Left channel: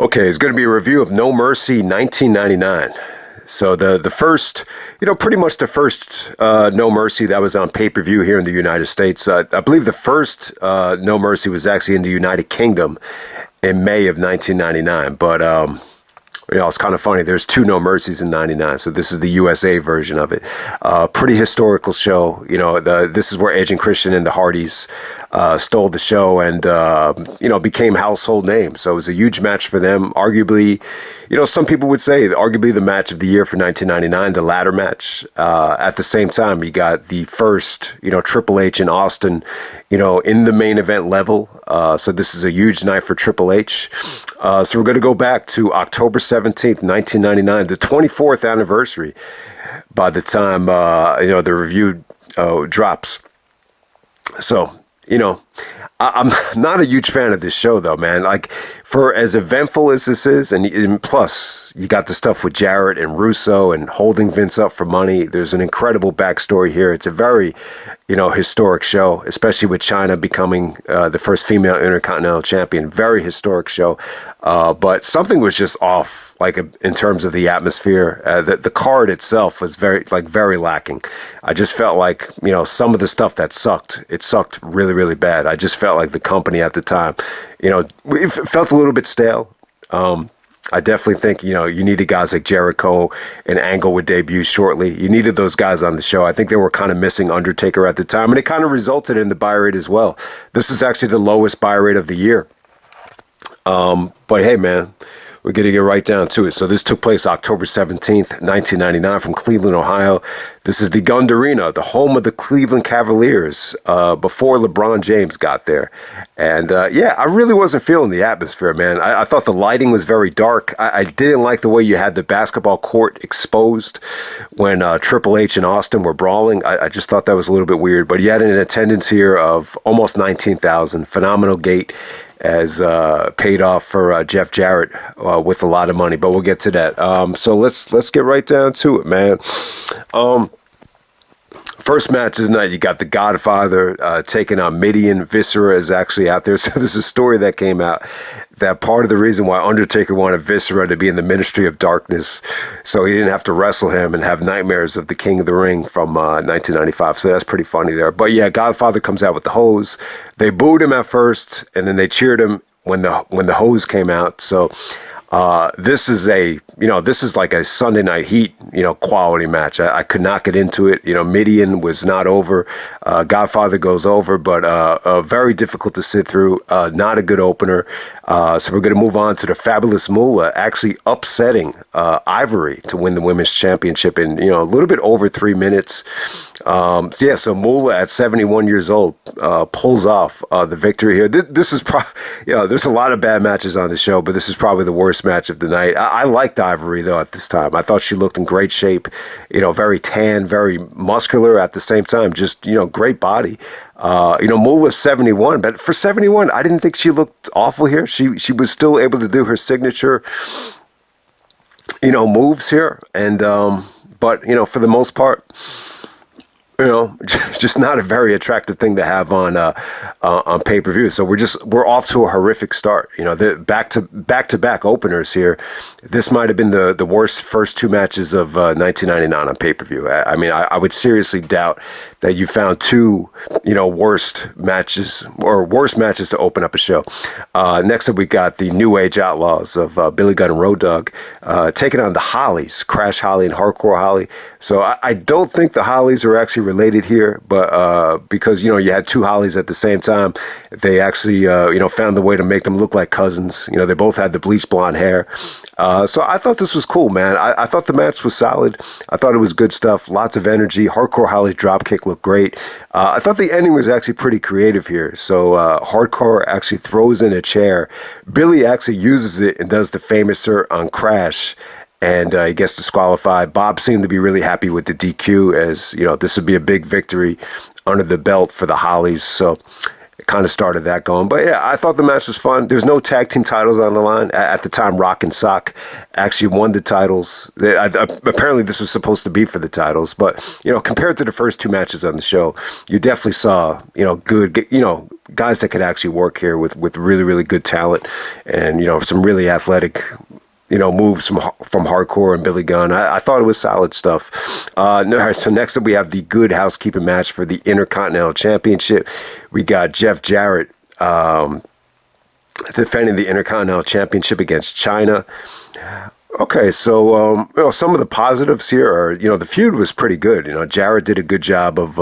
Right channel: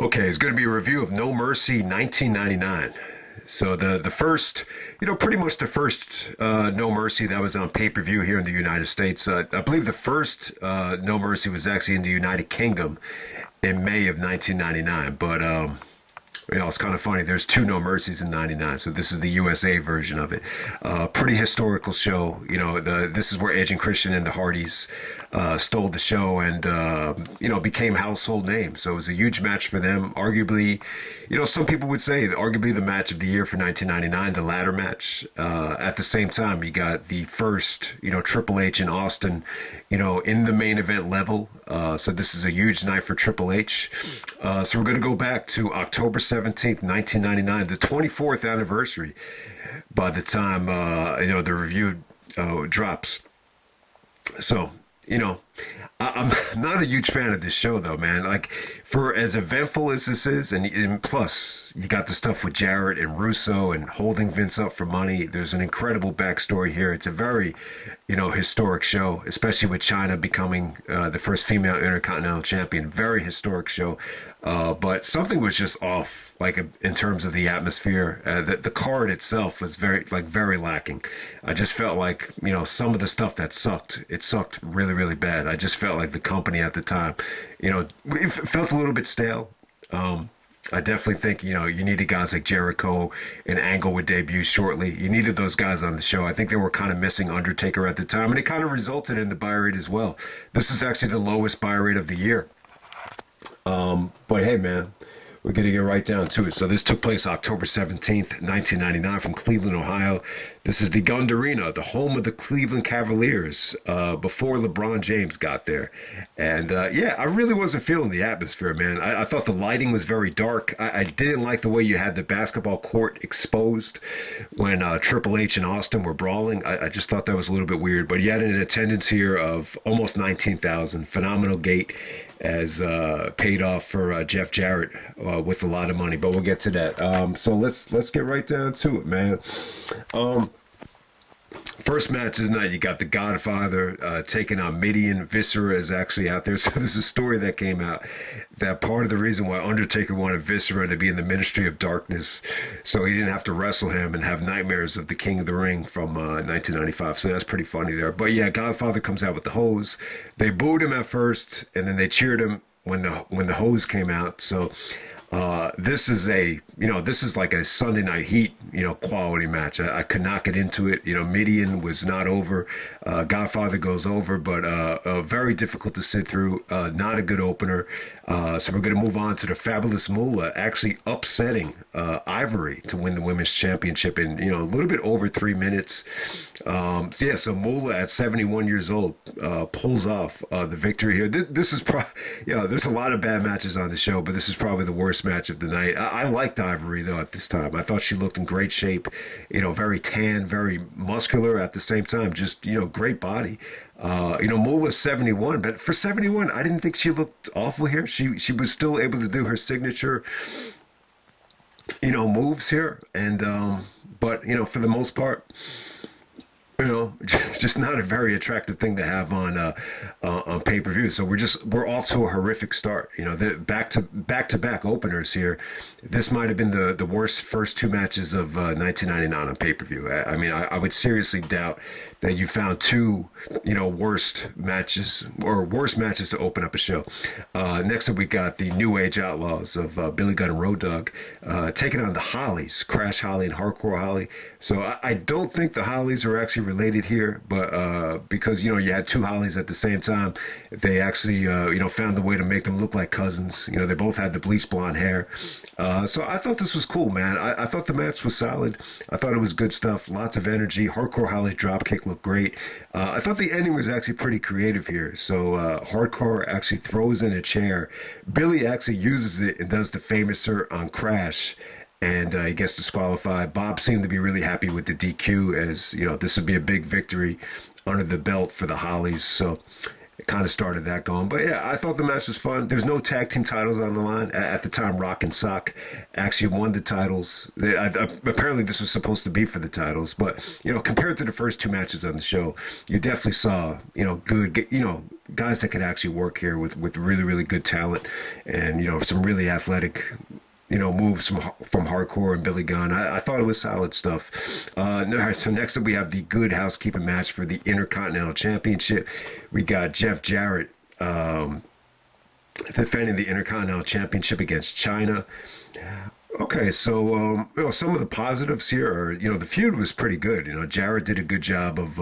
Okay, it's going to be a review of No Mercy 1999. So the first, pretty much the first No Mercy that was on pay-per-view here in the United States. I believe the first No Mercy was actually in the United Kingdom in May of 1999. But, it's kind of funny. There's two No Mercies in 99. So this is the USA version of it. Pretty historical show. This is where Edge and Christian and the Hardys stole the show and, became household names. So it was a huge match for them. Arguably, some people would say arguably the match of the year for 1999, the ladder match. At the same time, you got the first, Triple H and Austin, in the main event level. So this is a huge night for Triple H. So we're going to go back to October 17th, 1999, the 24th anniversary by the time, the review drops. So, I'm not a huge fan of this show, though, man. Like, for as eventful as this is, and plus, you got the stuff with Jarrett and Russo and holding Vince up for money. There's an incredible backstory here. It's a very, historic show, especially with Chyna becoming the first female Intercontinental champion. Very historic show. But something was just off, like in terms of the atmosphere. The card itself was very lacking. I just felt like, some of the stuff that sucked, it sucked really, really bad. I just felt like the company at the time, it felt a little bit stale. I definitely think, you needed guys like Jericho and Angle would debut shortly. You needed those guys on the show. I think they were kind of missing Undertaker at the time, and it kind of resulted in the buy rate as well. This is actually the lowest buy rate of the year. But hey, man, we're going to get right down to it. So this took place October 17th, 1999 from Cleveland, Ohio. This is the Gund Arena, the home of the Cleveland Cavaliers, before LeBron James got there. And, I really wasn't feeling the atmosphere, man. I thought the lighting was very dark. I didn't like the way you had the basketball court exposed when Triple H and Austin were brawling. I just thought that was a little bit weird. But you had an attendance here of almost 19,000. Phenomenal gate. As paid off for Jeff Jarrett with a lot of money, but we'll get to that. So let's get right down to it, man. First match of the night, you got the Godfather taking on Mideon. Viscera is actually out there. So there's a story that came out that part of the reason why Undertaker wanted Viscera to be in the Ministry of Darkness, so he didn't have to wrestle him and have nightmares of the King of the Ring from 1995. So that's pretty funny there. But yeah, Godfather comes out with the hose. They booed him at first, and then they cheered him when the hose came out. So this is like a Sunday Night Heat, quality match. I could not get into it. Mideon was not over. Godfather goes over, but very difficult to sit through. Not a good opener. So we're going to move on to the Fabulous Moolah actually upsetting Ivory to win the women's championship in, a little bit over 3 minutes. So Moolah at 71 years old pulls off the victory here. This is there's a lot of bad matches on the show, but this is probably the worst match of the night. I liked Ivory, though, at this time. I thought she looked in great shape, very tan, very muscular at the same time, just, great body. Moolah's 71, but for 71, I didn't think she looked awful here. She was still able to do her signature, moves here. And, but, for the most part, just not a very attractive thing to have on pay-per-view. So we're off to a horrific start. The back-to-back openers here. This might have been the worst first two matches of 1999 on pay-per-view. I would seriously doubt that you found two, worst matches to open up a show. Next up, we got the New Age Outlaws of Billy Gunn and Road Dogg taking on the Hollies, Crash Holly and Hardcore Holly. So I don't think the Hollies are actually related here, but because, you had two Hollies at the same time, they actually, found the way to make them look like cousins. They both had the bleach blonde hair. So I thought this was cool, man. I thought the match was solid. I thought it was good stuff. Lots of energy. Hardcore Holly's dropkick looked great. I thought the ending was actually pretty creative here. So Hardcore actually throws in a chair. Billy actually uses it and does the famouser on Crash. And he gets disqualified. Bob seemed to be really happy with the DQ, as, this would be a big victory under the belt for the Hollies. So kind of started that going. But yeah, I thought the match was fun. There's no tag team titles on the line. At the time, Rock and Sock actually won the titles. Apparently this was supposed to be for the titles, but compared to the first two matches on the show, you definitely saw good guys that could actually work here with really, really good talent, and some really athletic moves from Hardcore and Billy Gunn. I thought it was solid stuff. All right, so next up we have the Good Housekeeping match for the Intercontinental Championship. We got Jeff Jarrett defending the Intercontinental Championship against Chyna. Okay, so some of the positives here are the feud was pretty good. Jarrett did a good job of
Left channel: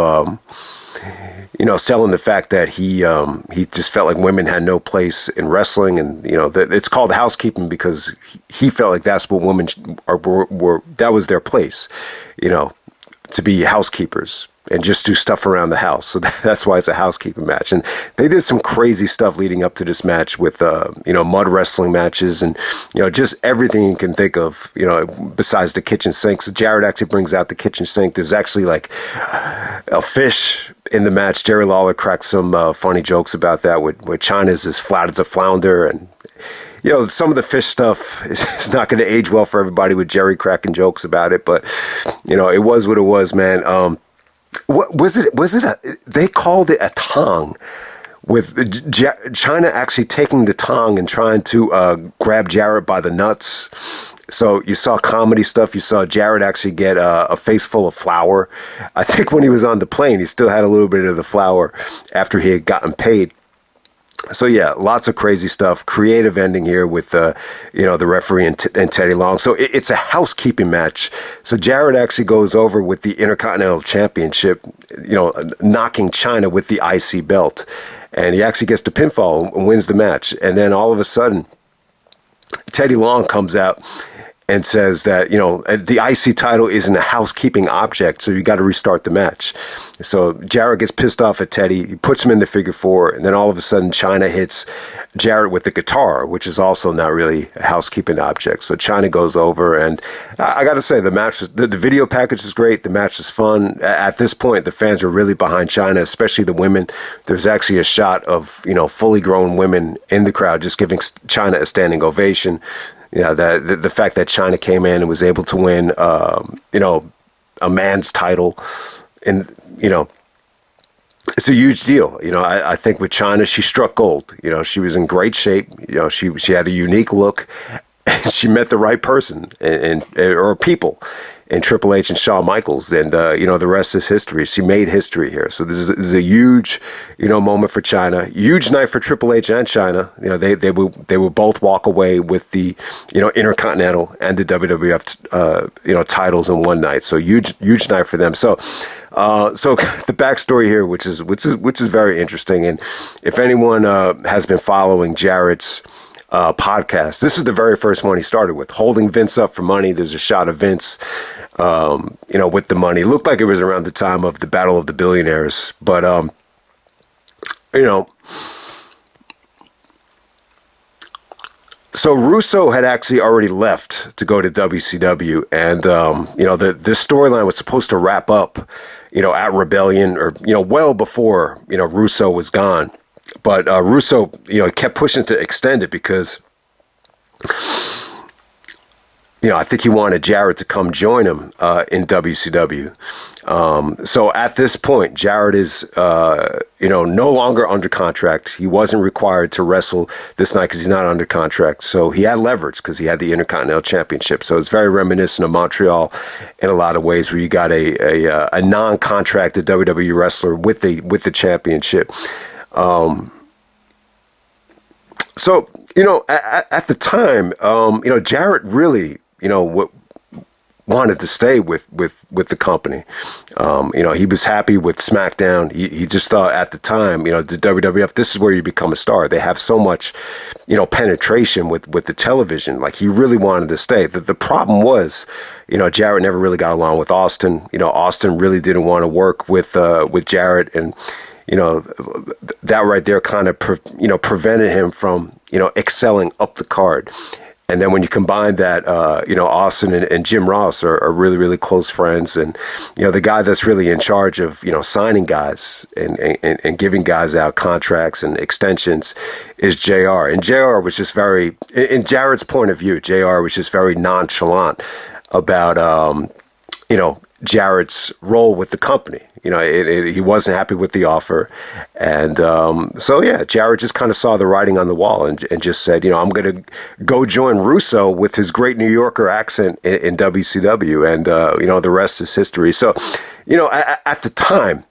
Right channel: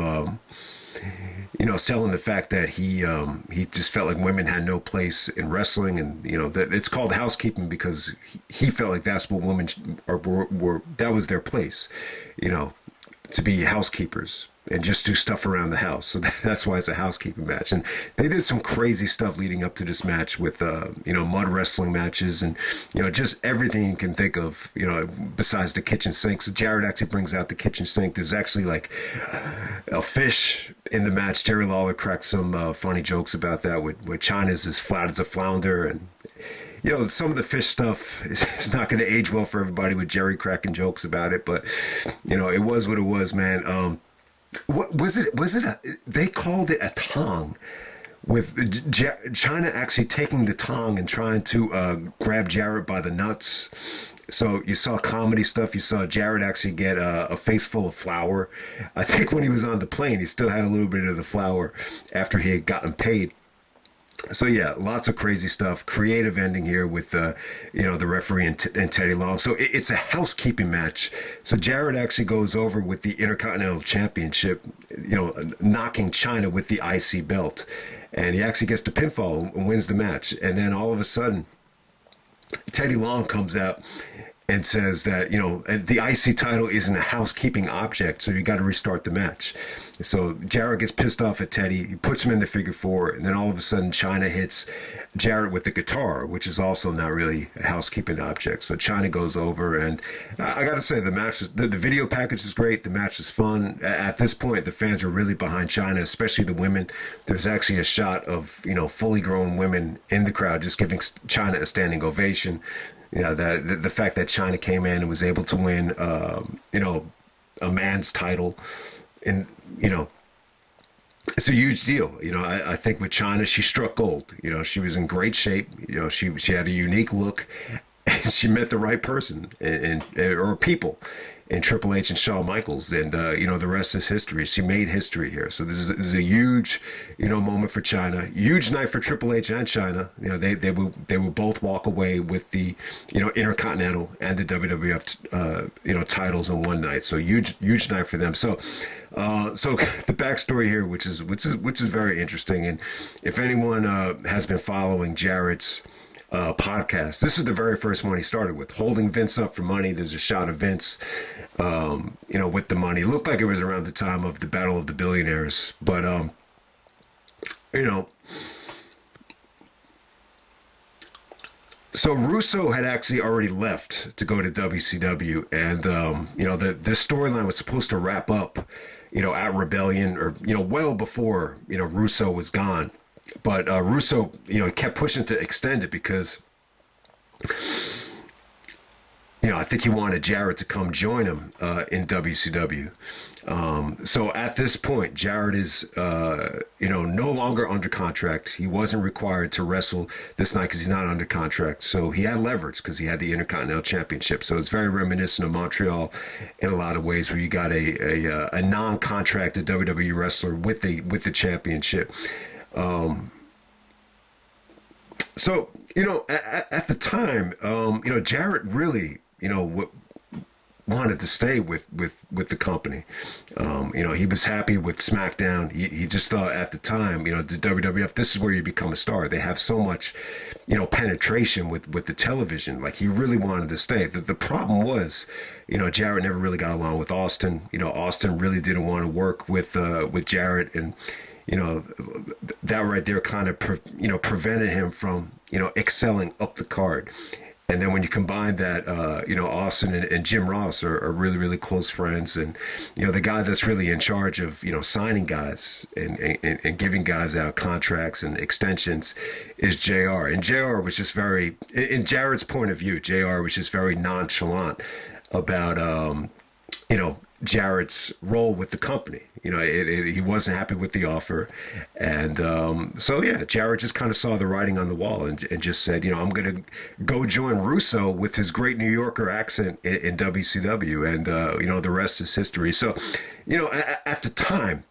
selling the fact that he just felt like women had no place in wrestling, and that it's called housekeeping because he felt like that's what women were that was their place, to be housekeepers and just do stuff around the house. So that's why it's a housekeeping match. And they did some crazy stuff leading up to this match with mud wrestling matches and just everything you can think of, besides the kitchen sink. So Jarrett actually brings out the kitchen sink. There's actually like a fish in the match. Jerry Lawler cracked some funny jokes about that, where Chyna's as flat as a flounder, and some of the fish stuff is not going to age well for everybody with Jerry cracking jokes about it, but it was what it was, man. What was it? They called it a tong, with Chyna actually taking the tong and trying to grab Jarrett by the nuts. So you saw comedy stuff. You saw Jarrett actually get a face full of flour. I think when he was on the plane, he still had a little bit of the flour after he had gotten paid. So yeah, lots of crazy stuff. Creative ending here with the referee and Teddy Long. So it's a housekeeping match. So Jarrett actually goes over with the Intercontinental Championship, knocking Chyna with the IC belt, and he actually gets the pinfall and wins the match. And then all of a sudden, Teddy Long comes out and says that, the IC title isn't a housekeeping object, so you got to restart the match. So Jarrett gets pissed off at Teddy. He puts him in the figure four, and then all of a sudden Chyna hits Jarrett with the guitar, which is also not really a housekeeping object. So Chyna goes over, and I got to say, the match, the video package is great. The match is fun. At this point, the fans are really behind Chyna, especially the women. There's actually a shot of, fully grown women in the crowd just giving Chyna a standing ovation. The fact that Chyna came in and was able to win, a man's title, and it's a huge deal. I think with Chyna, she struck gold. She was in great shape. She had a unique look, and she met the right person or people in Triple H and Shawn Michaels, and the rest is history. She made history here. So this is a huge moment for Chyna. Huge night for Triple H and Chyna. They will both walk away with the Intercontinental and the WWF titles in one night. So huge night for them. So the backstory here, which is very interesting, and if anyone has been following Jarrett's podcast, this is the very first one he started with, holding Vince up for money. There's a shot of Vince, with the money. It looked like it was around the time of the Battle of the Billionaires, but so Russo had actually already left to go to WCW, and this storyline was supposed to wrap up, at Rebellion, or well before Russo was gone. But Russo, kept pushing to extend it because, I think he wanted Jarrett to come join him in WCW. So at this point, Jarrett is, no longer under contract. He wasn't required to wrestle this night because he's not under contract. So he had leverage because he had the Intercontinental Championship. So it's very reminiscent of Montreal in a lot of ways, where you got a non-contracted WWE wrestler with the championship. So, at the time, Jarrett really, wanted to stay with the company. He was happy with SmackDown. He just thought at the time, the WWF, this is where you become a star. They have so much, penetration with the television. Like, he really wanted to stay. The problem was, Jarrett never really got along with Austin. Austin really didn't want to work with Jarrett, and that right there kind of prevented him from excelling up the card. And then when you combine that, Austin and Jim Ross are really, really close friends. And, the guy that's really in charge of, signing guys and giving guys out contracts and extensions is JR. And JR was just very, in Jarrett's point of view, JR was just very nonchalant about, Jarrett's role with the company. He wasn't happy with the offer. And Jarrett just kind of saw the writing on the wall and just said, I'm going to go join Russo with his great New Yorker accent in WCW. And, the rest is history. So, at the time,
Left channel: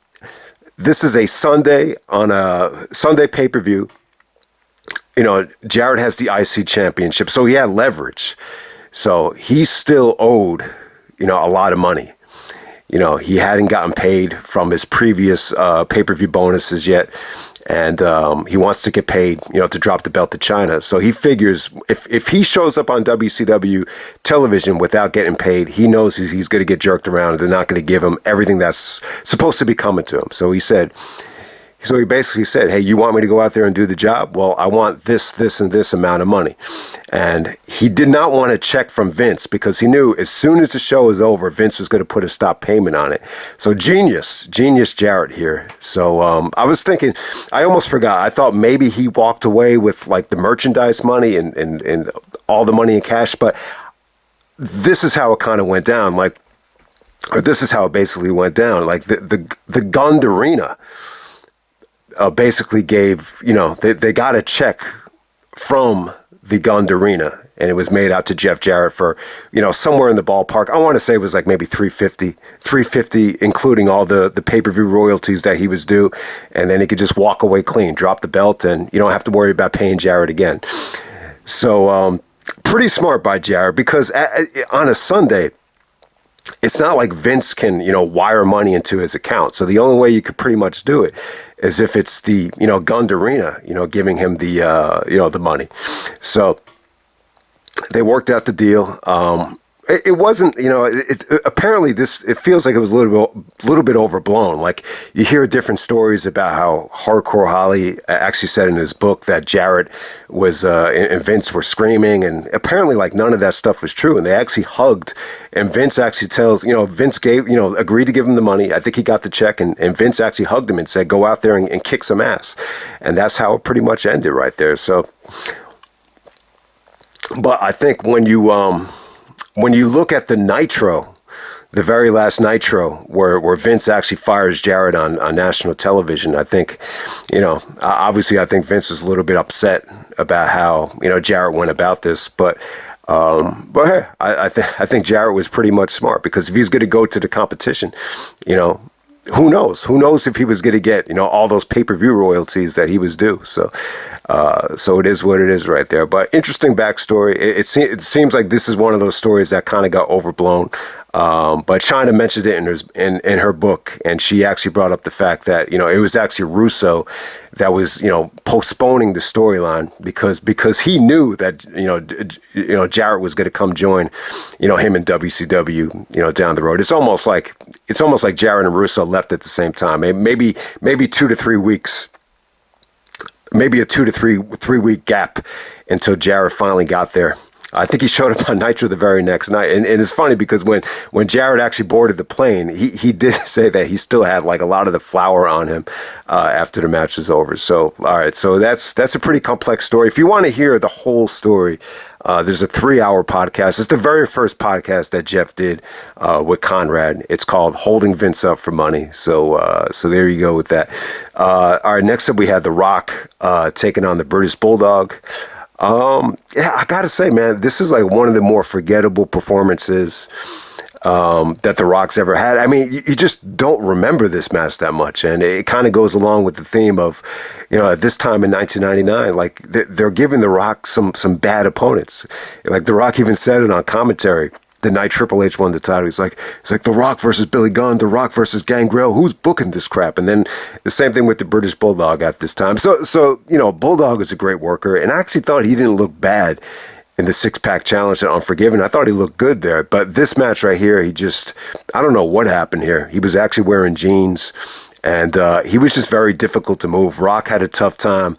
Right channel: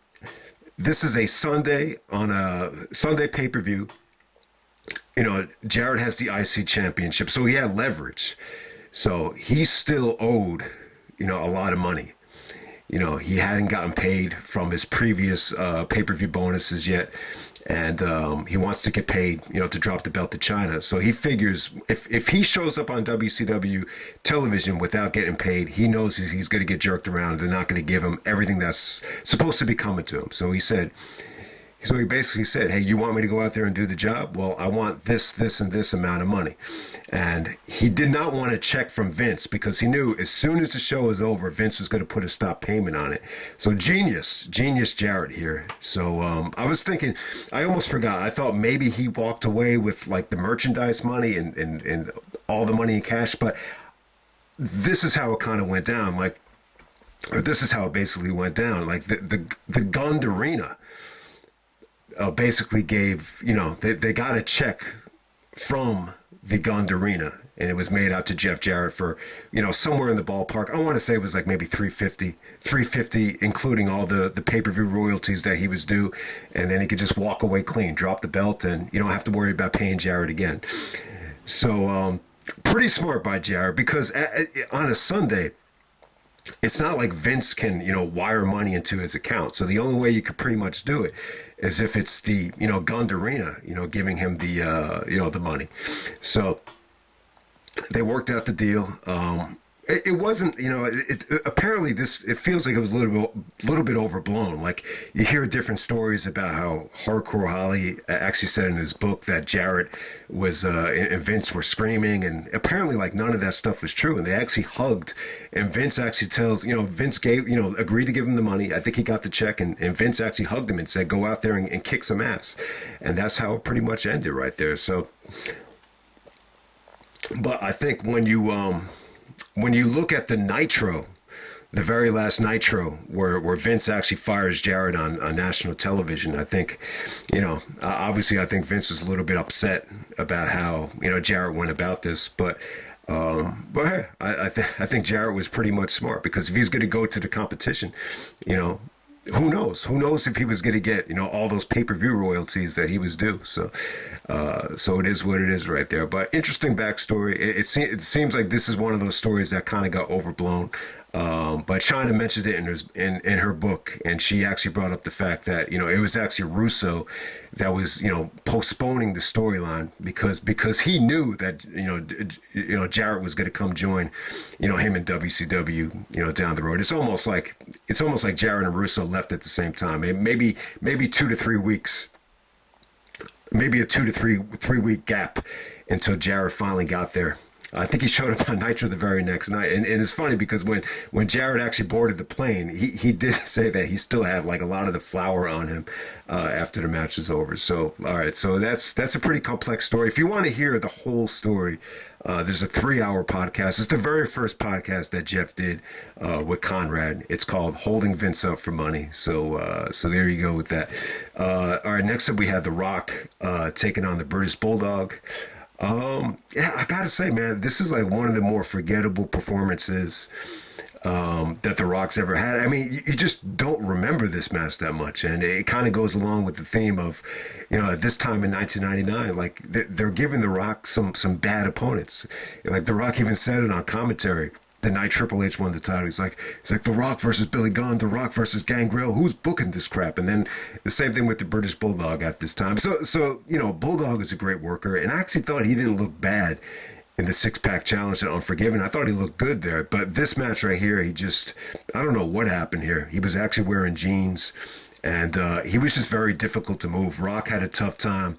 this is a Sunday on a Sunday pay-per-view. Jarrett has the IC championship, so he had leverage. So he still owed, a lot of money. He hadn't gotten paid from his previous pay-per-view bonuses yet. And he wants to get paid, to drop the belt to Chyna. So he figures if he shows up on WCW television without getting paid, he knows he's going to get jerked around and they're not going to give him everything that's supposed to be coming to him. So he basically said, hey, you want me to go out there and do the job? Well, I want this, and this amount of money. And he did not want a check from Vince because he knew as soon as the show was over, Vince was going to put a stop payment on it. So genius Jarrett here. So I was thinking, I almost forgot. I thought maybe he walked away with like the merchandise money and all the money in cash. But this is how it kind of went down. This is how it basically went down. Like the Gund Arena basically gave, they got a check from the Gund Arena, and it was made out to Jeff Jarrett for, somewhere in the ballpark. I want to say it was like maybe $350, including all the pay-per-view royalties that he was due. And then he could just walk away clean, drop the belt, and you don't have to worry about paying Jarrett again. So pretty smart by Jarrett, because on a Sunday, it's not like Vince can, wire money into his account. So the only way you could pretty much do it is if it's the, Gund Arena, giving him the, the money. So they worked out the deal. It wasn't, apparently it feels like it was a little bit overblown. Like you hear different stories about how Hardcore Holly actually said in his book that Jarrett was, and Vince were screaming, and apparently like none of that stuff was true. And they actually hugged, and Vince actually tells, Vince gave, agreed to give him the money. I think he got the check, and Vince actually hugged him and said, go out there and kick some ass. And that's how it pretty much ended right there. So, but I think when you look at the Nitro, the very last Nitro, where Vince actually fires Jarrett on national television, I think, obviously I think Vince was a little bit upset about how, Jarrett went about this. But hey, I think Jarrett was pretty much smart, because if he's going to go to the competition, who knows? Who knows if he was going to get, all those pay-per-view royalties that he was due. So it is what it is right there. But interesting backstory. It seems like this is one of those stories that kind of got overblown. But Chyna mentioned it in her book, and she actually brought up the fact that, it was actually Russo that was, postponing the storyline because he knew that, Jarrett was going to come join, him in WCW, down the road. It's almost like Jarrett and Russo left at the same time. Maybe 2 to 3 weeks, maybe a 2 to 3 week gap until Jarrett finally got there. I think he showed up on Nitro the very next night. And it's funny because when Jarrett actually boarded the plane, he did say that he still had like a lot of the flour on him after the match was over. So, all right. So that's a pretty complex story. If you want to hear the whole story, there's a 3-hour podcast. It's the very first podcast that Jeff did with Conrad. It's called Holding Vince Up for Money. So there you go with that. All right. Next up, we had The Rock taking on the British Bulldog. I gotta say, man, this is like one of the more forgettable performances that The Rock's ever had. I mean, you just don't remember this match that much, and it kind of goes along with the theme of, at this time in 1999, like they're giving The Rock some bad opponents. Like The Rock even said it on commentary the night Triple H won the title. It's like The Rock versus Billy Gunn, The Rock versus Gangrel. Who's booking this crap? And then the same thing with the British Bulldog at this time. So Bulldog is a great worker, and I actually thought he didn't look bad in the 6-pack challenge at Unforgiven. I thought he looked good there. But this match right here, I don't know what happened here. He was actually wearing jeans, and he was just very difficult to move. Rock had a tough time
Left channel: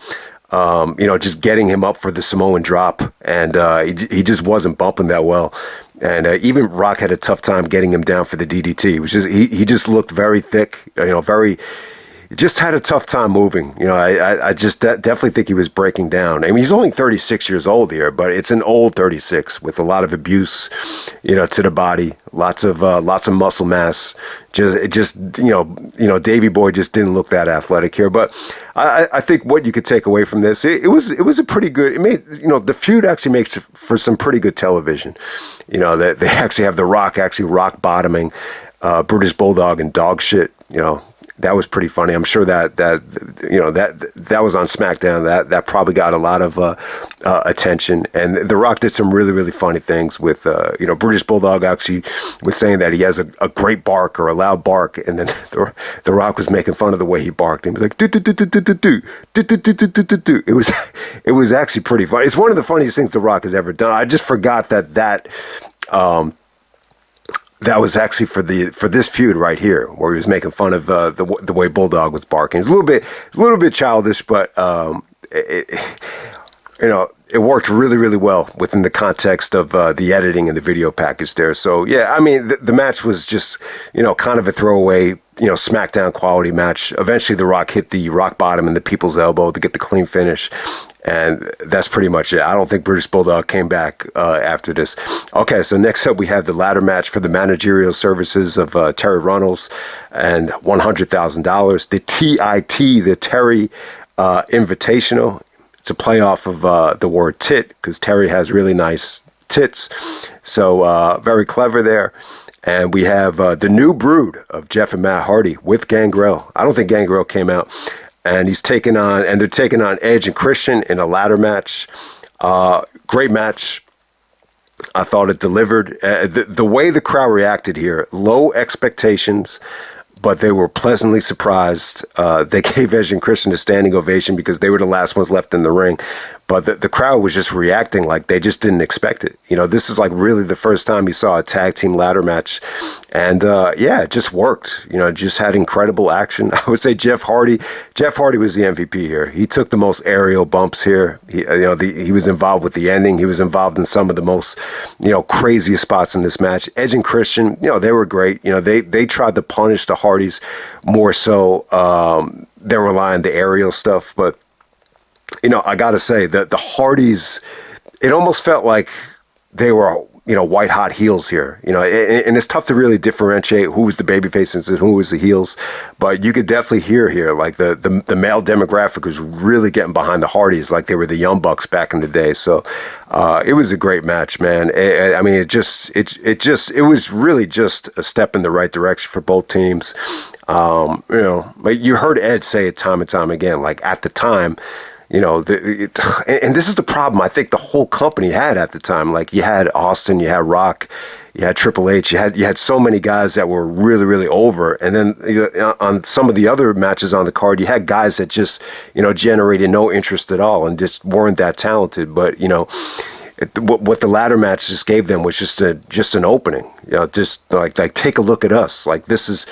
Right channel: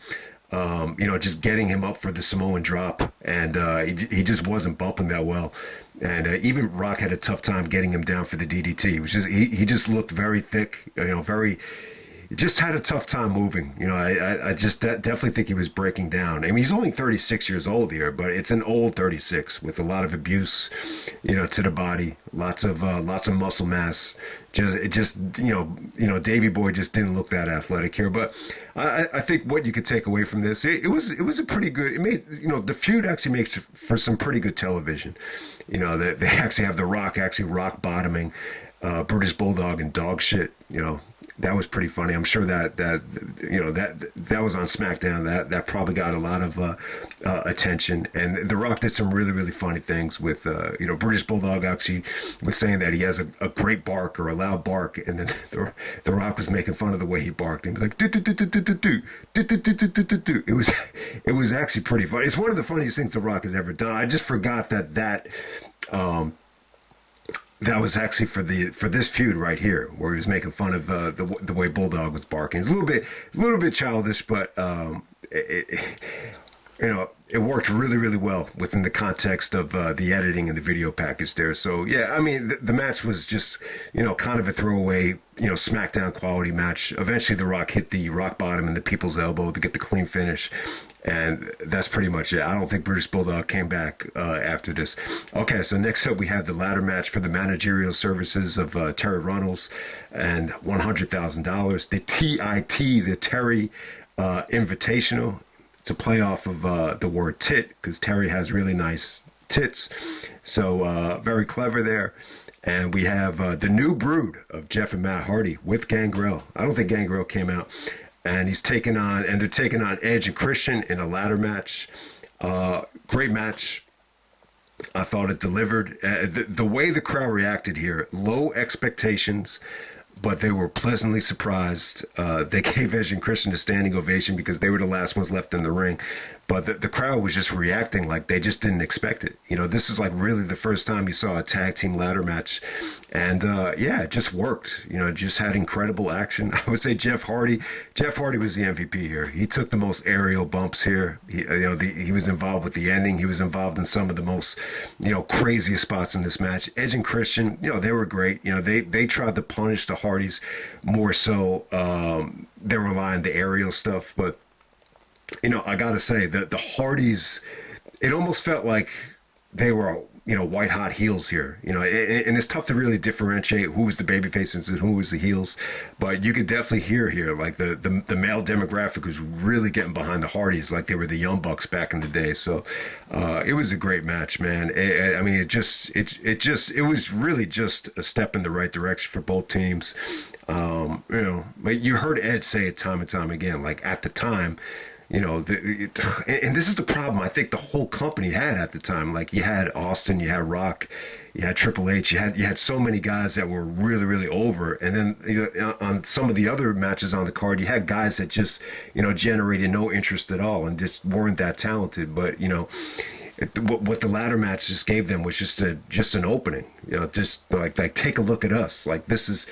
just getting him up for the Samoan drop, and he just wasn't bumping that well. And even Rock had a tough time getting him down for the DDT, which is he just looked very thick, very. Just had a tough time moving. I just definitely think he was breaking down. I mean, he's only 36 years old here, but it's an old 36 with a lot of abuse, to the body, lots of muscle mass. Davey Boy just didn't look that athletic here. But I think what you could take away from this, it was a pretty good. It made the feud actually makes for some pretty good television. That they actually have The Rock actually rock bottoming British Bulldog and dog shit. That was pretty funny. I'm sure that was on SmackDown. That probably got a lot of attention. And The Rock did some really, really funny things with British Bulldog actually was saying that he has a great bark or a loud bark, and then the Rock was making fun of the way he barked and be like do do do do do do do do do do do do. It was actually pretty funny. It's one of the funniest things The Rock has ever done. I just forgot that was actually for this feud right here, where he was making fun of the way Bulldog was barking. It's a little bit childish, but it worked really, really well within the context of the editing and the video package there. So yeah, I mean the match was just kind of a throwaway SmackDown quality match. Eventually, The Rock hit the rock bottom and the people's elbow to get the clean finish. And that's pretty much it. I don't think British Bulldog came back after this. Okay, so next up we have the ladder match for the managerial services of Terry Runnels and $100,000. The TIT, the Terry Invitational. It's a playoff of the word tit because Terry has really nice tits. So very clever there. And we have the new brood of Jeff and Matt Hardy with Gangrel. I don't think Gangrel came out. And they're taking on Edge and Christian in a ladder match. Great match. I thought it delivered. The way the crowd reacted here, low expectations, but they were pleasantly surprised. They gave Edge and Christian a standing ovation because they were the last ones left in the ring. But the crowd was just reacting like they just didn't expect it. This is like really the first time you saw a tag team ladder match. And it just worked. Just had incredible action. I would say Jeff Hardy was the MVP here. He took the most aerial bumps here. He was involved with the ending. He was involved in some of the most, craziest spots in this match. Edge and Christian, they were great. They tried to punish the Hardys more so than rely on the aerial stuff. But I got to say that the Hardys, it almost felt like they were, white hot heels here, and it's tough to really differentiate who was the babyfaces and who was the heels. But you could definitely hear here, like the male demographic was really getting behind the Hardys like they were the Young Bucks back in the day. So it was a great match, man. I mean, it was really just a step in the right direction for both teams. Like you heard Ed say it time and time again, like at the time, and this is the problem I think the whole company had at the time. Like you had Austin, you had Rock, you had Triple H, you had so many guys that were really, really over. And then on some of the other matches on the card, you had guys that just, generated no interest at all and just weren't that talented. But, what the ladder match just gave them was just an opening, just like take a look at us. Like this is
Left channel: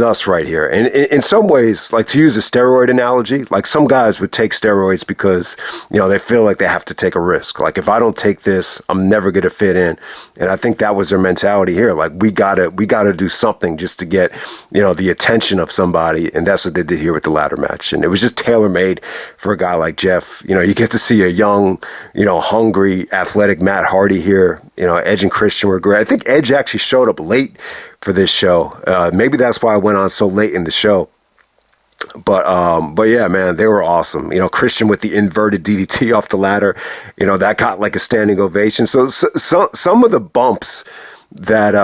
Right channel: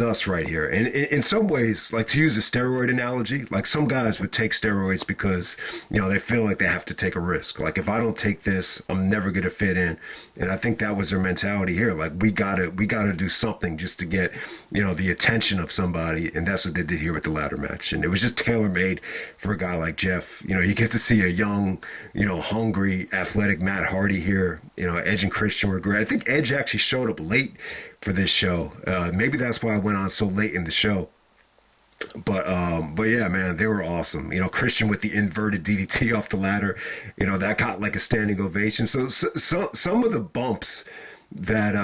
us right here. And in some ways, like to use a steroid analogy, like some guys would take steroids because, they feel like they have to take a risk. Like if I don't take this, I'm never going to fit in. And I think that was their mentality here. Like we gotta do something just to get, the attention of somebody. And that's what they did here with the ladder match. And it was just tailor made for a guy like Jeff. You get to see a young, hungry, athletic Matt Hardy here. Edge and Christian were great. I think Edge actually showed up late for this show. Maybe that's why I went on so late in the show. But yeah, man, they were awesome. Christian with the inverted DDT off the ladder, that got like a standing ovation. So some of the bumps that,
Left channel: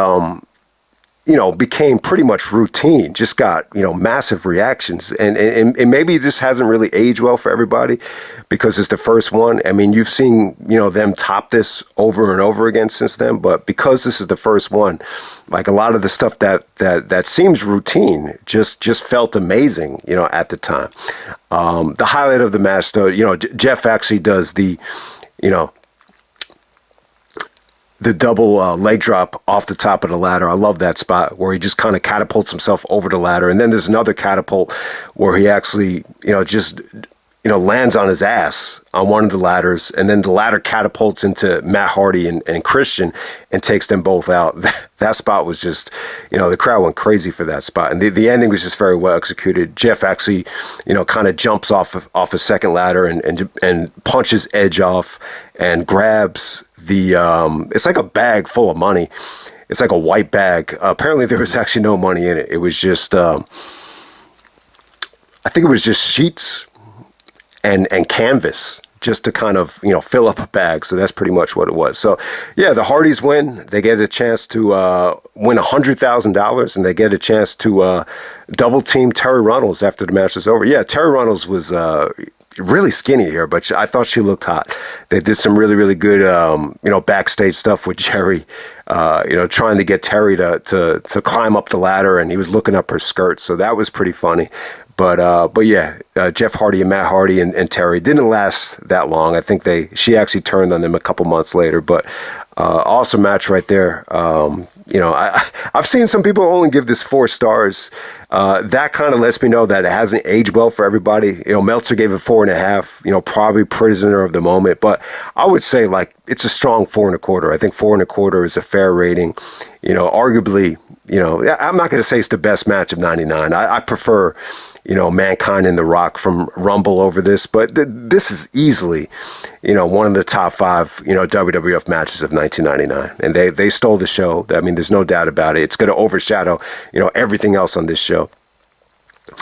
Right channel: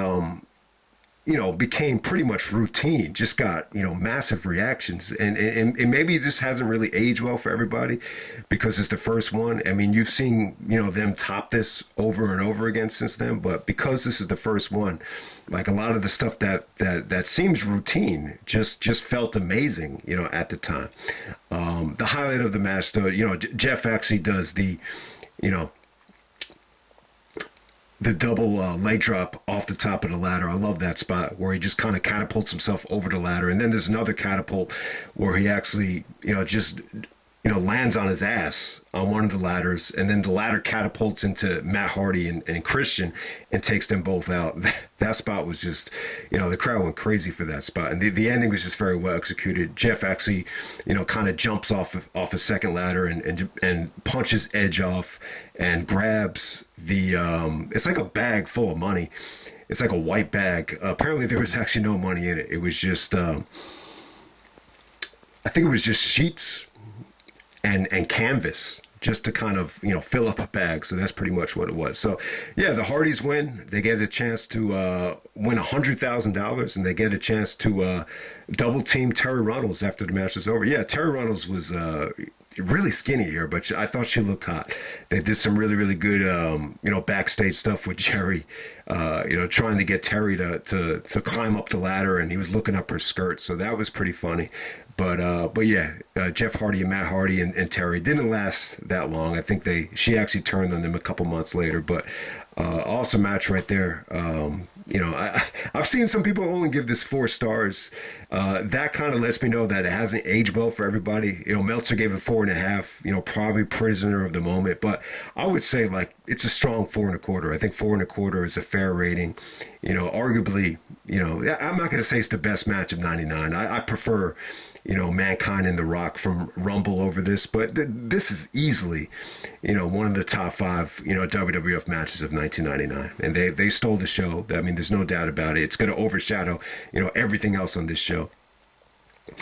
became pretty much routine, just got, massive reactions. And maybe this hasn't really aged well for everybody because it's the first one. I mean, you've seen, them top this over and over again since then, but because this is the first one, like a lot of the stuff that seems routine just felt amazing, at the time. The highlight of the match though, Jeff actually does the double leg drop off the top of the ladder. I love that spot where he just kind of catapults himself over the ladder. And then there's another catapult where he actually, lands on his ass on one of the ladders, and then the ladder catapults into Matt Hardy and Christian and takes them both out. That spot was just, the crowd went crazy for that spot. And the ending was just very well executed. Jeff actually, kind of jumps off a second ladder and punches Edge off and grabs it's like a bag full of money. It's like a white bag. Apparently there was actually no money in it. It was just, I think it was just sheets and canvas just to kind of, fill up a bag. So that's pretty much what it was. So yeah, the Hardys win. They get a chance to win $100,000, and they get a chance to double team Terry Runnels after the match is over. Yeah, Terry Runnels was really skinny here, but I thought she looked hot. They did some really, really good, backstage stuff with Jerry, trying to get Terry to climb up the ladder, and he was looking up her skirt. So that was pretty funny. But yeah, Jeff Hardy and Matt Hardy and Terry didn't last that long. I think she actually turned on them a couple months later, but awesome match right there. I've seen some people only give this 4 stars. That kind of lets me know that it hasn't aged well for everybody. Meltzer gave it 4.5, probably prisoner of the moment, but I would say it's a strong 4.25. I think 4.25 is a fair rating. Arguably, I'm not going to say it's the best match of 99. I prefer, Mankind and The Rock from Rumble over this, but this is easily, one of the top 5, WWF matches of 1999. And they stole the show. I mean, there's no doubt about it. It's going to overshadow, everything else on this show.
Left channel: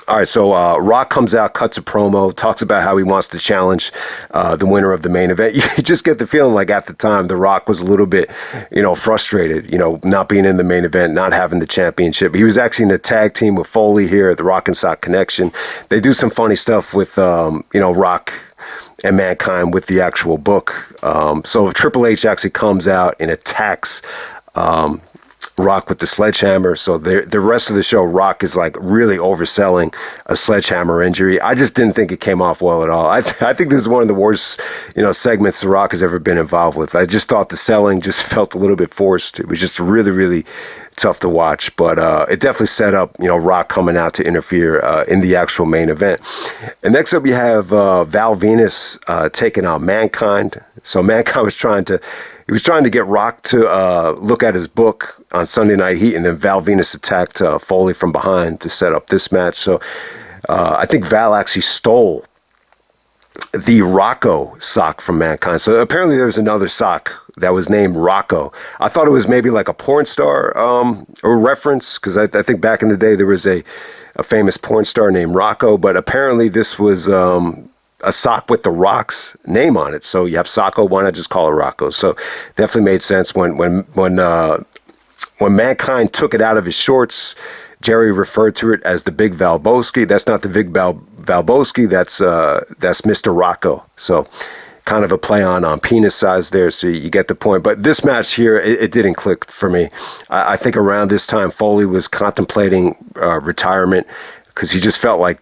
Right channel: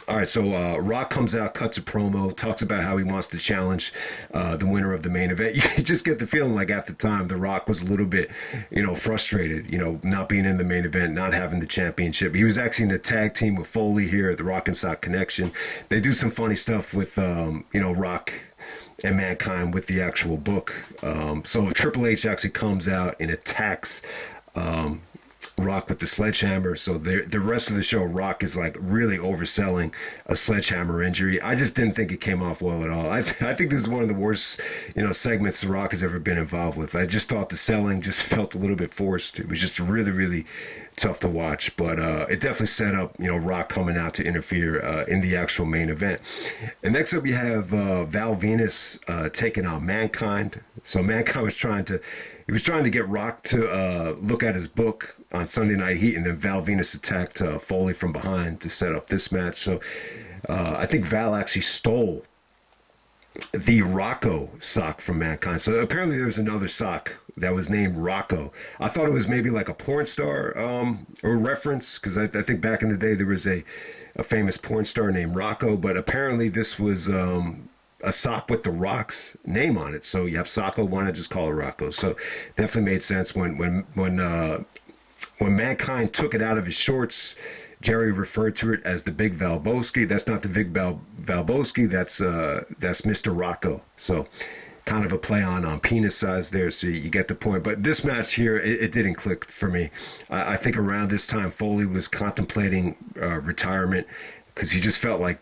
All right, so Rock comes out, cuts a promo, talks about how he wants to challenge the winner of the main event. You just get the feeling like at the time, The Rock was a little bit, frustrated, not being in the main event, not having the championship. He was actually in a tag team with Foley here at the Rock and Sock Connection. They do some funny stuff with, Rock and Mankind with the actual book. So Triple H actually comes out and attacks Rock with the sledgehammer. So the rest of the show, Rock is really overselling a sledgehammer injury. I just didn't think it came off well at all. I think this is one of the worst, segments The Rock has ever been involved with. I just thought the selling just felt a little bit forced. It was just really, really tough to watch, but it definitely set up, Rock coming out to interfere in the actual main event. And next up, you have Val Venis taking out Mankind. So Mankind was trying to get Rock to look at his book on Sunday Night Heat, and then Val Venis attacked Foley from behind to set up this match. So I think Val actually stole the Rocco sock from Mankind. So apparently there's another sock that was named Rocco. I thought it was maybe like a porn star or reference, because I think back in the day there was a famous porn star named Rocco, but apparently this was a sock with the Rock's name on it. So you have Socko, why not just call it Rocco? So definitely made sense when Mankind took it out of his shorts. Jerry referred to it as the Big Valboski. That's not the Big Valboski. That's Mr. Rocco. So kind of a play on penis size there. So you get the point. But this match here, it didn't click for me. I think around this time, Foley was contemplating retirement because he just felt like,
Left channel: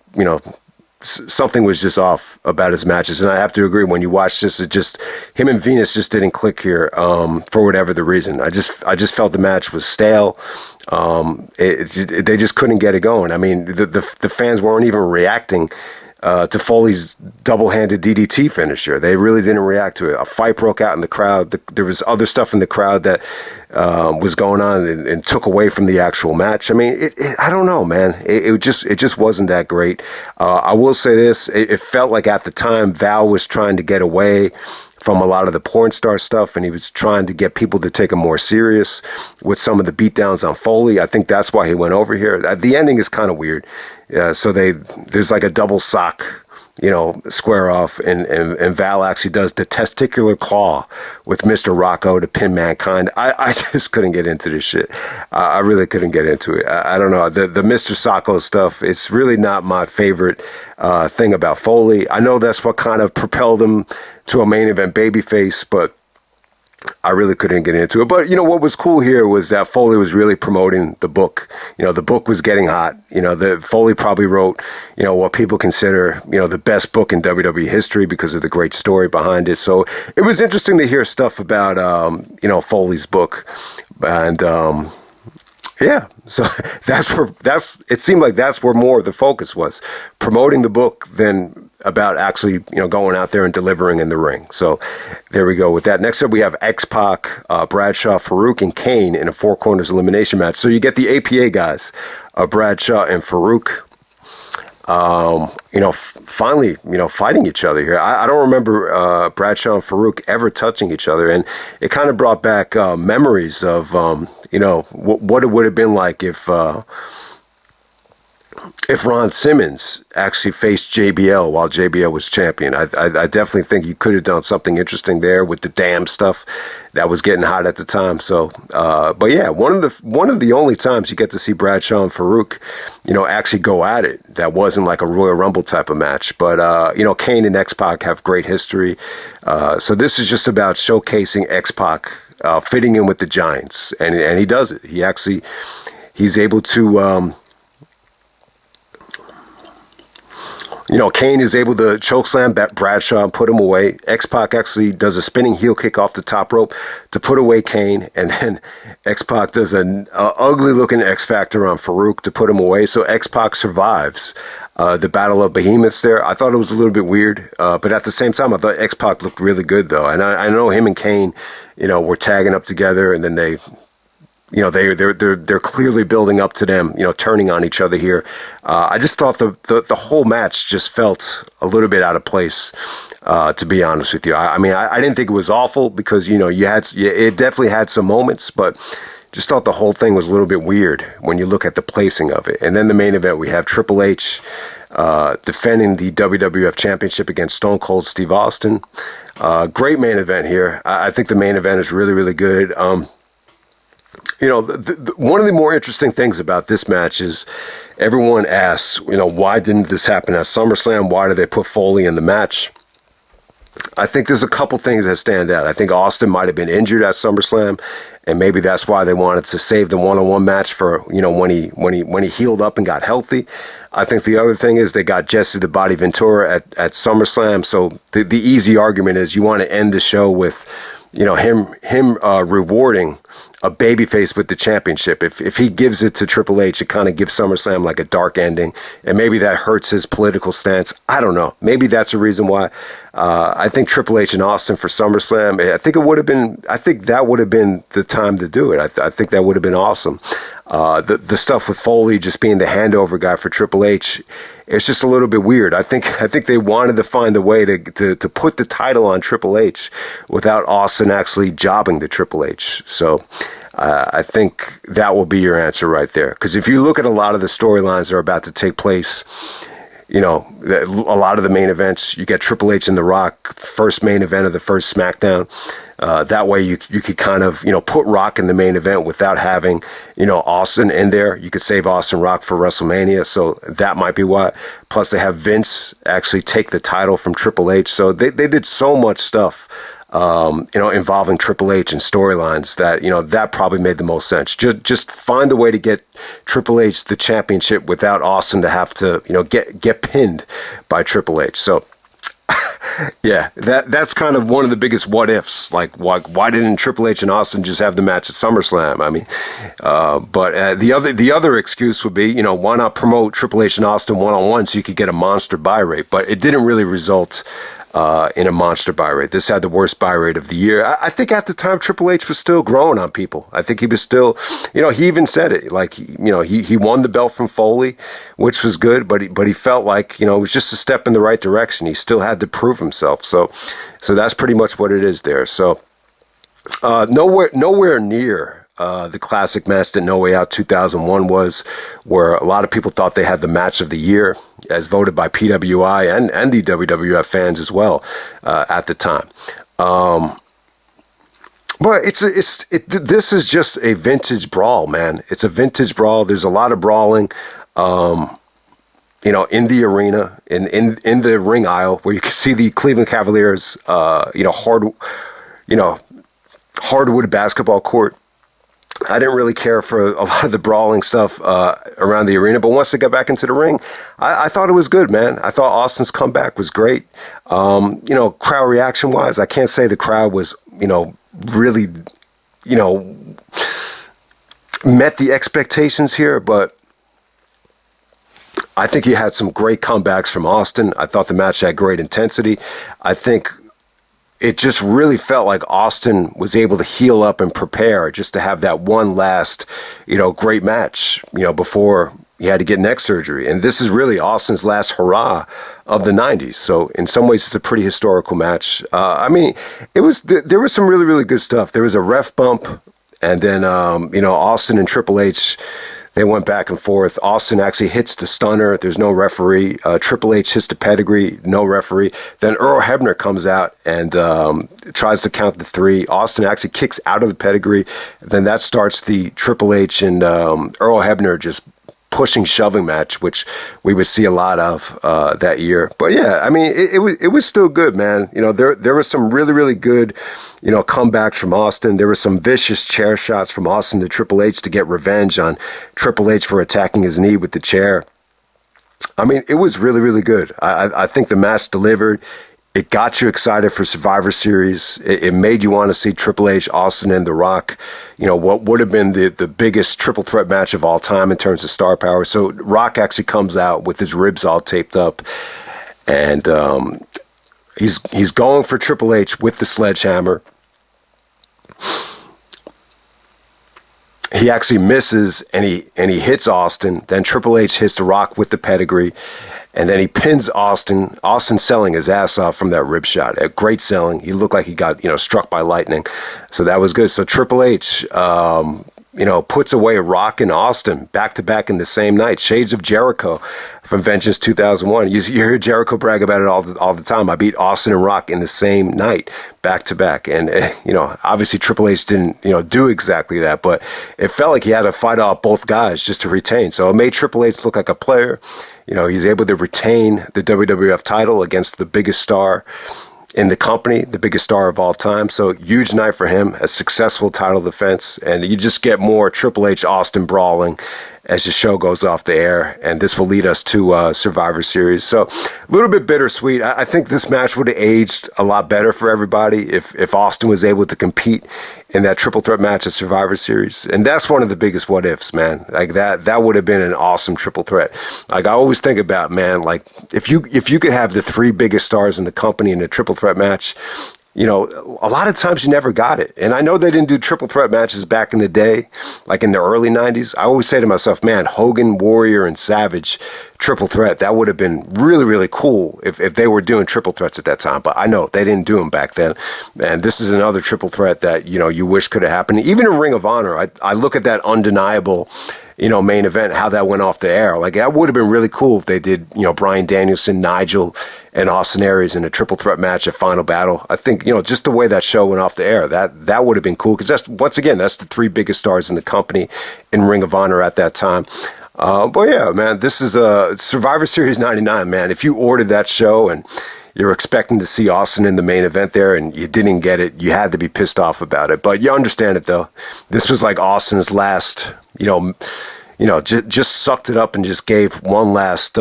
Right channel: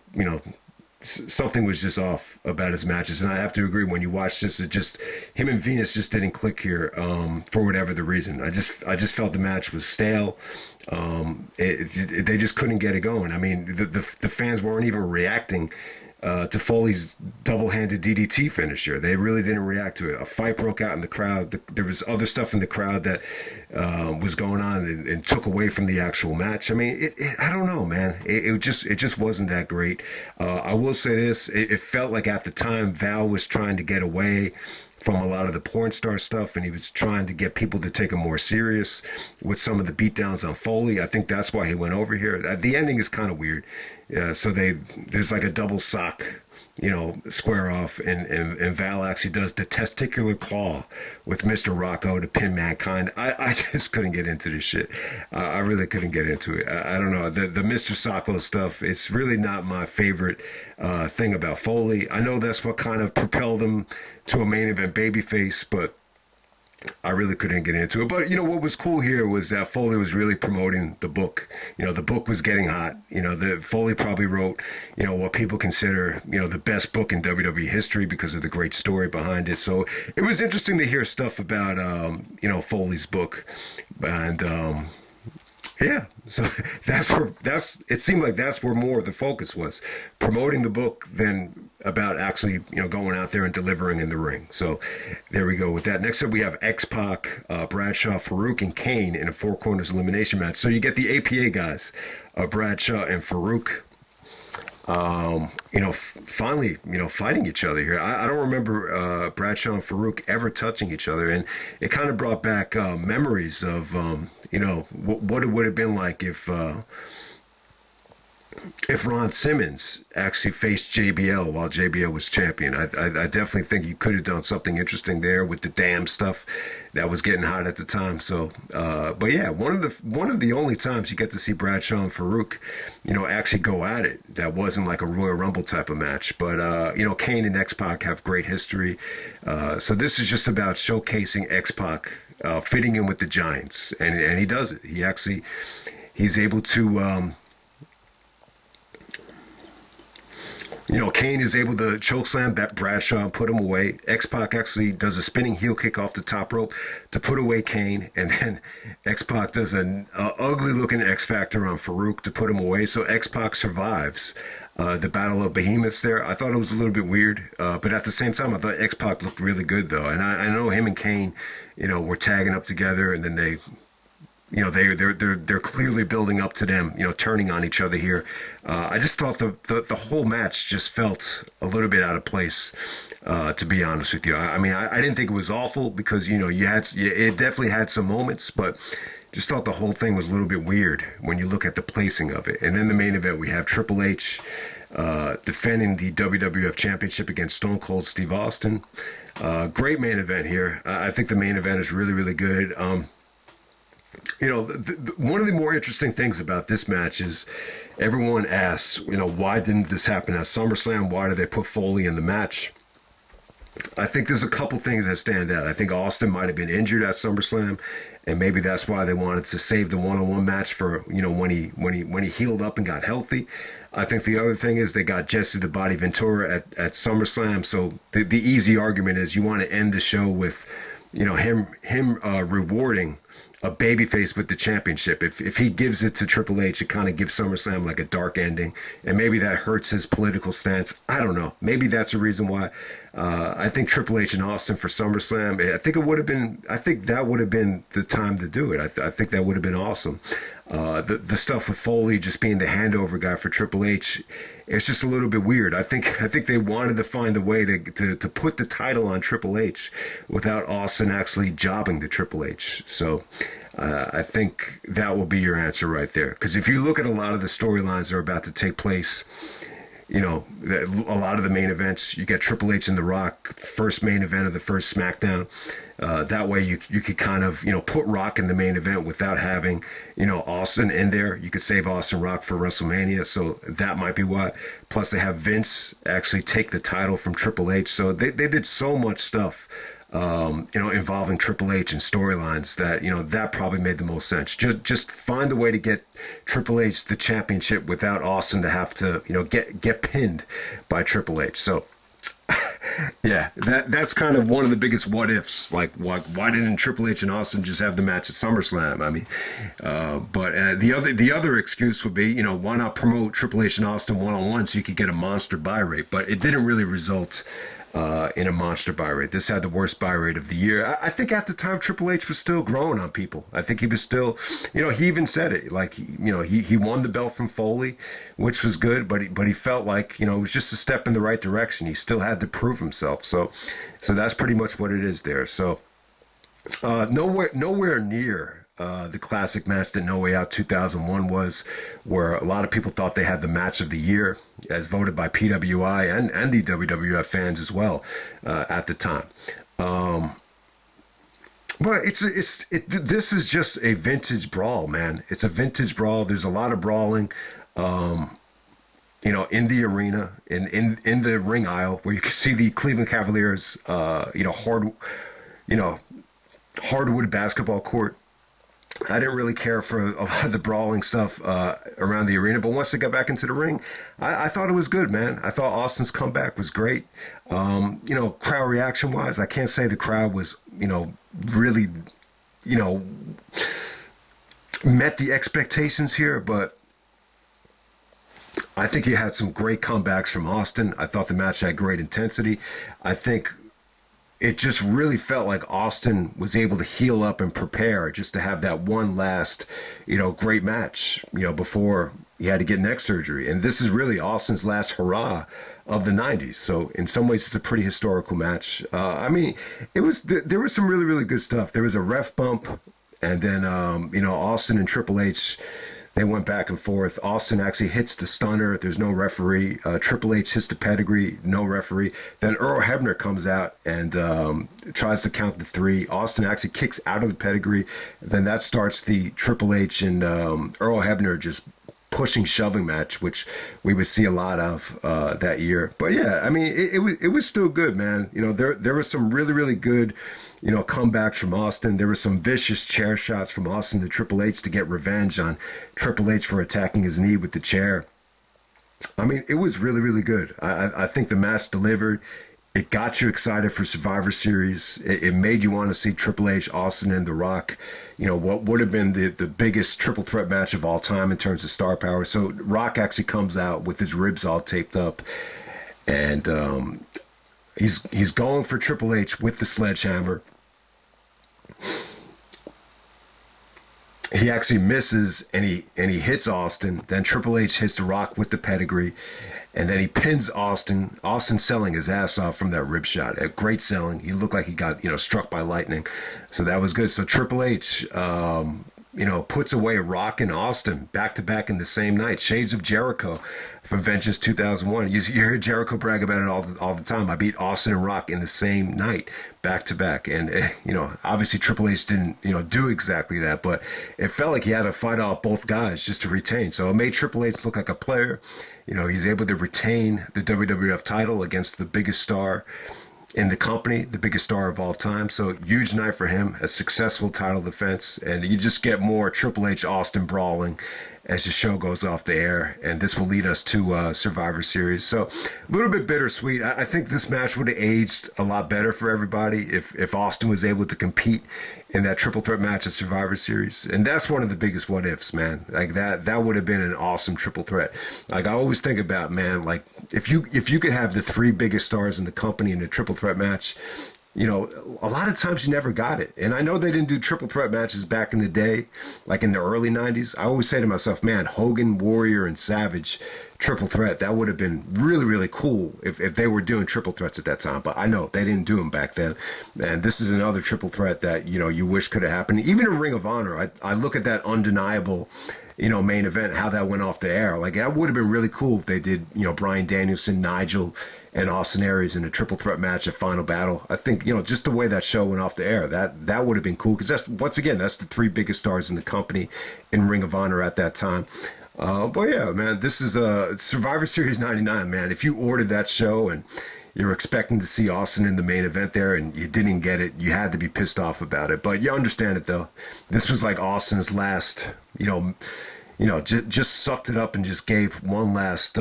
something was just off about his matches. And I have to agree, when you watch this, him and Venus just didn't click here for whatever the reason. I just felt the match was stale. They just couldn't get it going. I mean, the fans weren't even reacting to Foley's double-handed DDT finisher. They really didn't react to it. A fight broke out in the crowd. There was other stuff in the crowd that was going on and took away from the actual match. I mean, I don't know, man. It just wasn't that great. I will say this. It felt like at the time Val was trying to get away from a lot of the porn star stuff, and he was trying to get people to take him more serious with some of the beatdowns on Foley. I think that's why he went over here. The ending is kind of weird. So there's like a double sock, square off, and Val actually does the testicular claw with Mr. Rocco to pin Mankind. I just couldn't get into this shit. I really couldn't get into it. I don't know. The Mr. Socko stuff, it's really not my favorite thing about Foley. I know that's what kind of propelled him to a main event babyface, but I really couldn't get into it. But, what was cool here was that Foley was really promoting the book. The book was getting hot. Foley probably wrote, what people consider, the best book in WWE history because of the great story behind it. So it was interesting to hear stuff about, Foley's book. And Yeah, so it seemed like that's where more of the focus was, promoting the book than about actually, going out there and delivering in the ring. So there we go with that. Next up, we have X-Pac, Bradshaw, Farooq, and Kane in a four corners elimination match. So you get the APA guys, Bradshaw and Farooq. Finally, fighting each other here. I don't remember Bradshaw and Farooq ever touching each other, and it kind of brought back memories of what it would have been like if Ron Simmons actually faced JBL while JBL was champion. I definitely think you could have done something interesting there with the damn stuff that was getting hot at the time. So, but yeah, one of the only times you get to see Bradshaw and Farooq, actually go at it. That wasn't like a Royal Rumble type of match. But, Kane and X-Pac have great history. So this is just about showcasing X-Pac fitting in with the Giants. And he does it. He's able to... Kane is able to chokeslam Bradshaw and put him away. X-Pac actually does a spinning heel kick off the top rope to put away Kane. And then X-Pac does an ugly-looking X-Factor on Farooq to put him away. So X-Pac survives the Battle of Behemoths there. I thought it was a little bit weird. But at the same time, I thought X-Pac looked really good, though. And I know him and Kane, were tagging up together. And then they're clearly building up to them, turning on each other here. I just thought the whole match just felt a little bit out of place, to be honest with you. I didn't think it was awful because, it definitely had some moments, but just thought the whole thing was a little bit weird when you look at the placing of it. And then the main event, we have Triple H defending the WWF Championship against Stone Cold Steve Austin. Great main event here. I think the main event is really, really good. One of the more interesting things about this match is everyone asks, why didn't this happen at SummerSlam? Why did they put Foley in the match? I think there's a couple things that stand out. I think Austin might have been injured at SummerSlam, and maybe that's why they wanted to save the one-on-one match for, when he healed up and got healthy. I think the other thing is they got Jesse the Body Ventura at SummerSlam. So the easy argument is you want to end the show with, him rewarding a babyface with the championship. If he gives it to Triple H, it kind of gives SummerSlam like a dark ending, and maybe that hurts his political stance. I don't know. Maybe that's a reason why. I think Triple H and Austin for SummerSlam. I think that would have been the time to do it. I think that would have been awesome. The stuff with Foley just being the handover guy for Triple H, it's just a little bit weird. I think they wanted to find a way to put the title on Triple H without Austin actually jobbing to Triple H. So I think that will be your answer right there. Because if you look at a lot of the storylines that are about to take place, a lot of the main events, you get Triple H and The Rock, first main event of the first SmackDown. That way you could kind of, put Rock in the main event without having, Austin in there. You could save Austin Rock for WrestleMania. So that might be why. Plus they have Vince actually take the title from Triple H. So they did so much stuff, involving Triple H and storylines that, that probably made the most sense. Just find a way to get Triple H the championship without Austin to have to, get pinned by Triple H. So, yeah, that's kind of one of the biggest what ifs. Like, why didn't Triple H and Austin just have the match at SummerSlam? But the other excuse would be, why not promote Triple H and Austin one-on-one so you could get a monster buy rate? But it didn't really result in a monster buy rate. This had the worst buy rate of the year. I think at the time Triple H was still growing on people. I think he was still, he even said it, like, he won the belt from Foley, which was good, but he felt like, it was just a step in the right direction. He still had to prove himself. So that's pretty much what it is there. So nowhere near the classic match that No Way Out 2001 was, where a lot of people thought they had the match of the year, as voted by PWI and the WWF fans as well at the time. But this is just a vintage brawl, man. It's a vintage brawl. There's a lot of brawling, in the arena, in the ring aisle, where you can see the Cleveland Cavaliers, hardwood basketball court. I didn't really care for a lot of the brawling stuff around the arena, but once they got back into the ring, I thought it was good, man. I thought Austin's comeback was great. Crowd reaction wise, I can't say the crowd was, really, met the expectations here, but I think you had some great comebacks from Austin. I thought the match had great intensity. I think it just really felt like Austin was able to heal up and prepare just to have that one last, great match, before he had to get neck surgery. And this is really Austin's last hurrah of the 90s. So in some ways, it's a pretty historical match. There was some really, really good stuff. There was a ref bump, and then, Austin and Triple H, they went back and forth. Austin actually hits the stunner. There's no referee. Triple H hits the pedigree. No referee. Then Earl Hebner comes out and tries to count the 3. Austin actually kicks out of the pedigree. Then that starts the Triple H and Earl Hebner just pushing, shoving match, which we would see a lot of that year. But yeah, it was still good, man. There was some really, really good, comebacks from Austin. There were some vicious chair shots from Austin to Triple H to get revenge on Triple H for attacking his knee with the chair. It was really, really good. I think the match delivered. It got you excited for Survivor Series. It made you want to see Triple H, Austin, and The Rock. What would have been the biggest triple threat match of all time in terms of star power. So Rock actually comes out with his ribs all taped up, and he's going for Triple H with the sledgehammer. He actually misses, and he hits Austin. Then Triple H hits The Rock with the pedigree. And then he pins Austin. Austin selling his ass off from that rib shot. Great selling. He looked like he got, struck by lightning. So that was good. So Triple H, puts away Rock and Austin back to back in the same night. Shades of Jericho from Vengeance 2001. You hear Jericho brag about it all the time. I beat Austin and Rock in the same night, back to back. And, obviously Triple H didn't, do exactly that, but it felt like he had to fight off both guys just to retain. So it made Triple H look like a player. He's able to retain the WWF title against the biggest star in the company, the biggest star of all time. So huge night for him, a successful title defense. And you just get more Triple H Austin brawling as the show goes off the air. And this will lead us to Survivor Series. So a little bit bittersweet. I think this match would have aged a lot better for everybody if Austin was able to compete in that triple threat match at Survivor Series. And that's one of the biggest what ifs, man. Like that would have been an awesome triple threat. Like I always think about, man, like if you could have the 3 biggest stars in the company in a triple threat match, a lot of times you never got it. And I know they didn't do triple threat matches back in the day, like in the early 90s. I always say to myself, man, Hogan, Warrior, and Savage triple threat, that would have been really, really cool if they were doing triple threats at that time. But I know they didn't do them back then. And this is another triple threat that, you wish could have happened. Even in Ring of Honor, I look at that undeniable, main event, how that went off the air. Like that would have been really cool if they did, Bryan Danielson, Nigel, and Austin Aries in a triple threat match at Final Battle. I think, just the way that show went off the air, that would have been cool. Because that's the 3 biggest stars in the company in Ring of Honor at that time. But yeah, man, this is Survivor Series 99, man. If you ordered that show and you're expecting to see Austin in the main event there and you didn't get it, you had to be pissed off about it. But you understand it, though. This was like Austin's last, just sucked it up and just gave one last,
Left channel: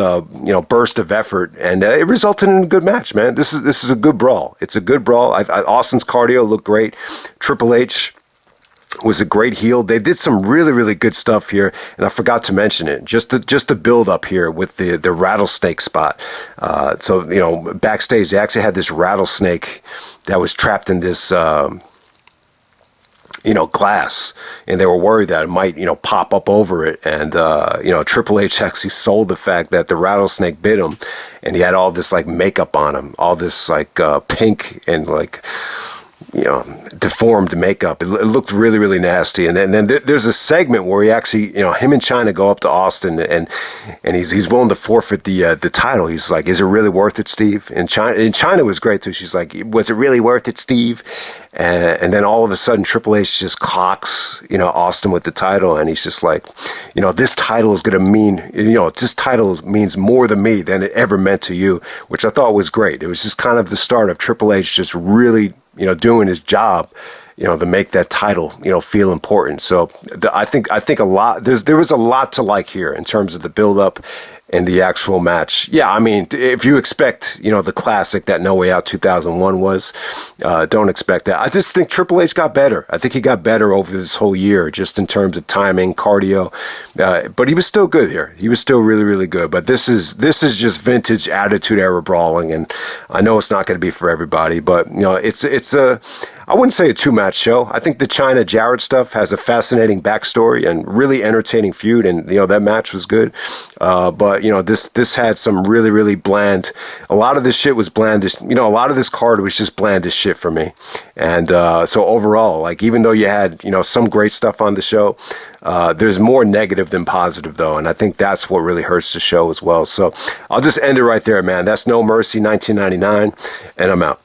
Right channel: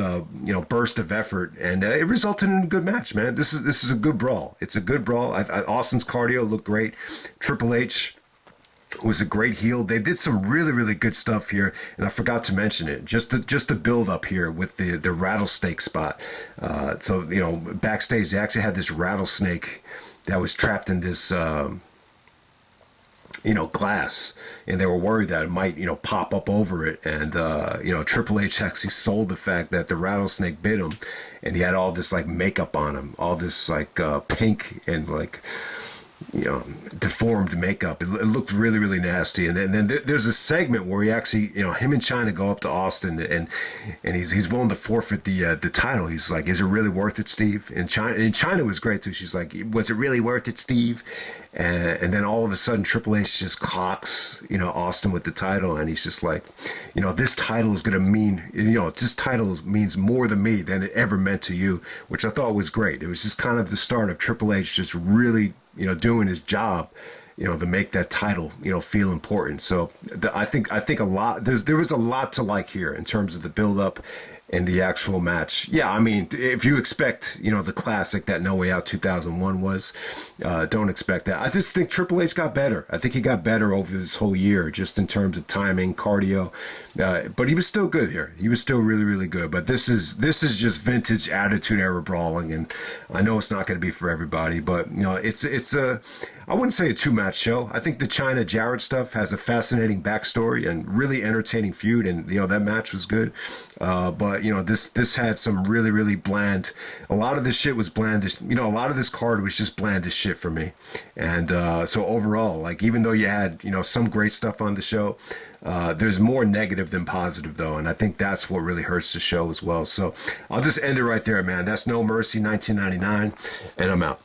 burst of effort. And it resulted in a good match, man. This is a good brawl. It's a good brawl. Austin's cardio looked great. Triple H was a great heel. They did some really, really good stuff here, and I forgot to mention it. Just to build up here with the rattlesnake spot. So backstage they actually had this rattlesnake that was trapped in this glass, and they were worried that it might pop up over it. And Triple H actually sold the fact that the rattlesnake bit him, and he had all this like makeup on him, all this like pink and like deformed makeup. It looked really, really nasty. And then there's a segment where he actually, him and Chyna go up to Austin and he's willing to forfeit the title. He's like, "Is it really worth it, Steve?" And Chyna was great too. She's like, "Was it really worth it, Steve?" And then all of a sudden Triple H just clocks, Austin with the title. And he's just like, "This title is going to mean, this title means more to me than it ever meant to you," which I thought was great. It was just kind of the start of Triple H just really, doing his job, to make that title, feel important. So I think a lot, there was a lot to like here in terms of the build up in the actual match. Yeah, I mean, if you expect, the classic that No Way Out 2001 was, don't expect that. I just think Triple H got better. I think he got better over this whole year, just in terms of timing, cardio. But he was still good here. He was still really, really good. But this is just vintage Attitude Era brawling, and I know it's not going to be for everybody, but it's a, I wouldn't say a two-match show. I think the Chyna Jarrett stuff has a fascinating backstory and really entertaining feud, and that match was good. But this had some really, really bland. A lot of this shit was bland. A lot of this card was just bland as shit for me. And so overall, like, even though you had some great stuff on the show, there's more negative than positive, though, and I think that's what really hurts the show as well. So I'll just end it right there, man. That's No Mercy 1999, and I'm out.